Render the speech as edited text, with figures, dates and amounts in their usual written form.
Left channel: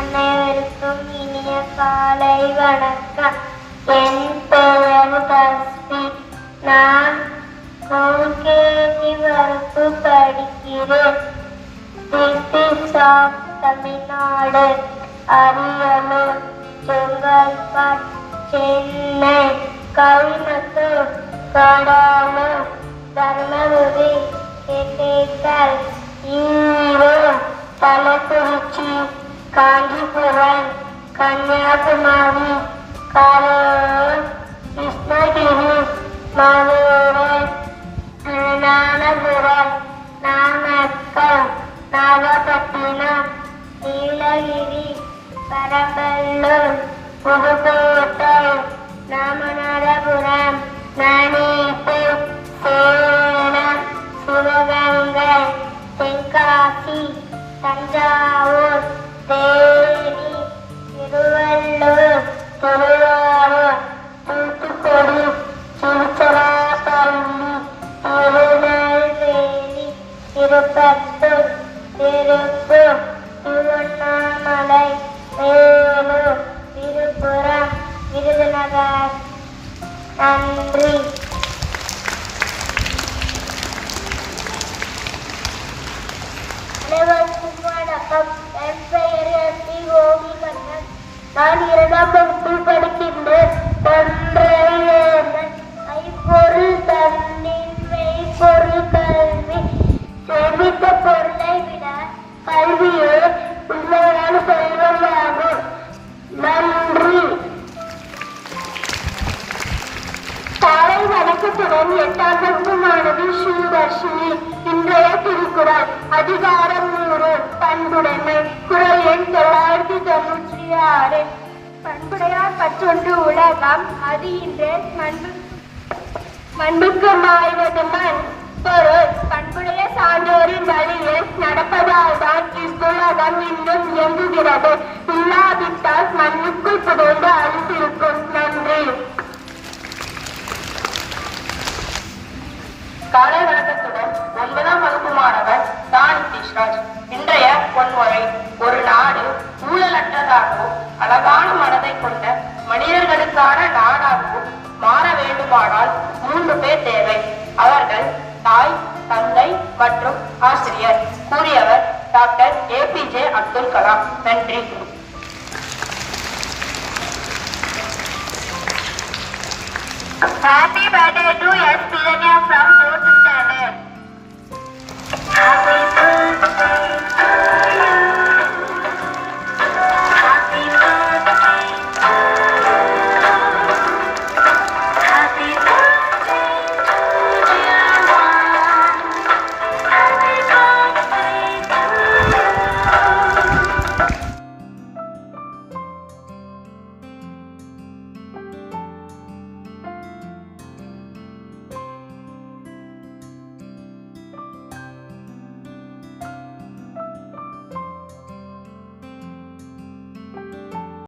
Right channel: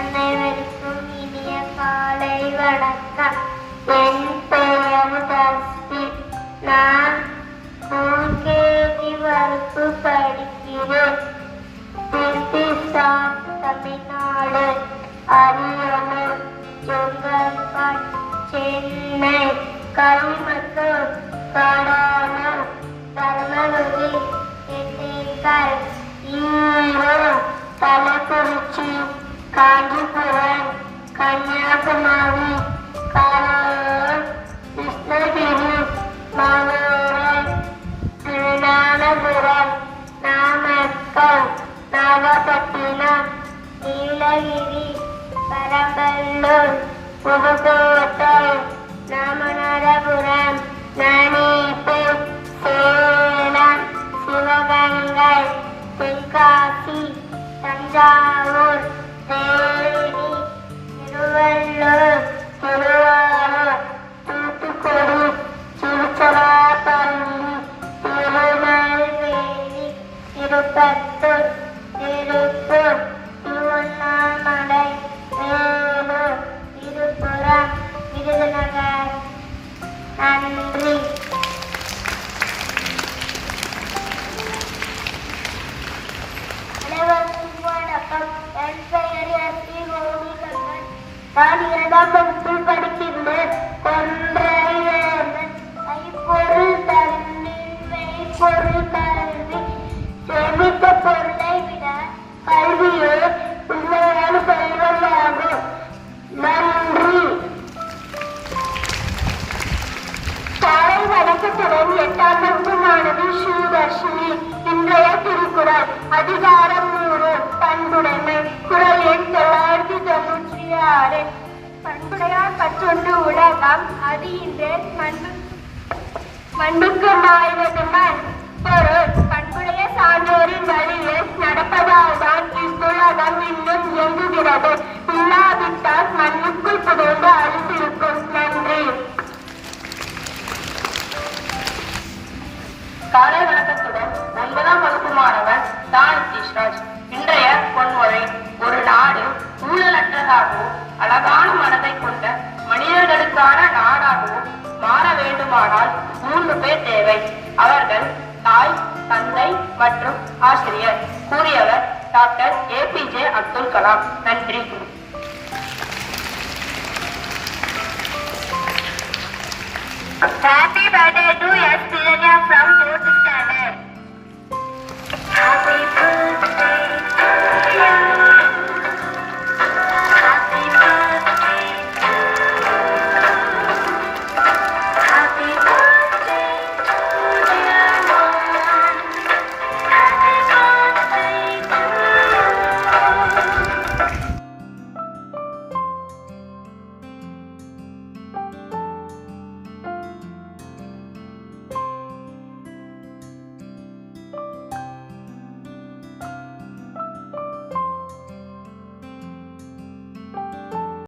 அனைவருக்கும் இனிய காலை வணக்கம். என் பெயர் தஸ்வி. நான் வகுப்பு படிக்கிறேன். தமிழ்நாடு, அரியலூர், செங்கல்பட்டு, சென்னை, கோயம்புத்தூர், கடலூர், தர்மபுரி, திண்டுக்கல், ஈரோடு, கள்ளக்குறிச்சி, காஞ்சிபுரம், கன்னியாகுமரி, கரூர், கிருஷ்ணகிரி, மதுரை, திருவனந்தபுரம், நாமக்கல், நாகப்பட்டினம், நீலகிரி, பெரம்பலூர், புதுக்கோட்டை, ராமநாதபுரம், நாமக்கல், சேலம், சிவகங்கை, தென்காசி, தஞ்சாவூர், தேனி, திருவள்ளூர், திருவாரூர், தூத்துக்குடி, திருச்சிராப்பள்ளி, திருநெல்வேலி, திருப்பத்தூர், திருப்பூர், திருவண்ணாமலை, வேலூர், விழுப்புரம், விருதுநகர். நன்றி. அனைவருக்கும் வணக்கம். என் பெயர் எஸ்டி கோவிகண்ணன். நான் 2ஆம் வகுப்பில் படிக்கின்றேன். ஐப்பொருள் தன்னின் மெய்ப்பொருள் கல்வி. சேமித்த பொருளை விட கல்வியே உண்மையான செல்வமாகும். நன்றி. காலை வணக்கத்துடன் 8ஆம் வகுப்பு மாணவி ஸ்ரீதர்ஷினி. இன்றைய திருக்குறள் அதிகாரம் 100 பண்புடைமை. குறள் எண் 996. பண்புடையார் பற்றொன்று உலகம் அறிகின்ற மண்ணுக்கு நாய்வதுதான் பொருள். பண்புடைய சான்றோரின் வழியில் நடப்பதால் தான் இவ்வுலகம் இன்னும் இயங்குகிறது. இல்லாவிட்டால் மண்ணுக்குள் புதைந்து அழுத்திருக்கும். நன்றி. காலை வணக்கத்துடன் 9ஆம் வகுப்பு மாணவர் தான் கிருஷ்ணாஜ். இன்றைய பொன்மொழி: ஒரு நாடு ஊழலற்றதாகவும் அழகான மனதை கொண்ட மனிதர்களுக்கான நாடாகவும் மாற வேண்டுமானால் 3 பேர் தேவை. அவர்கள் தாய், தந்தை மற்றும் ஆசிரியர். கூறியவர் டாக்டர் APJ அப்துல் கலாம். நன்றி. Happy birthday.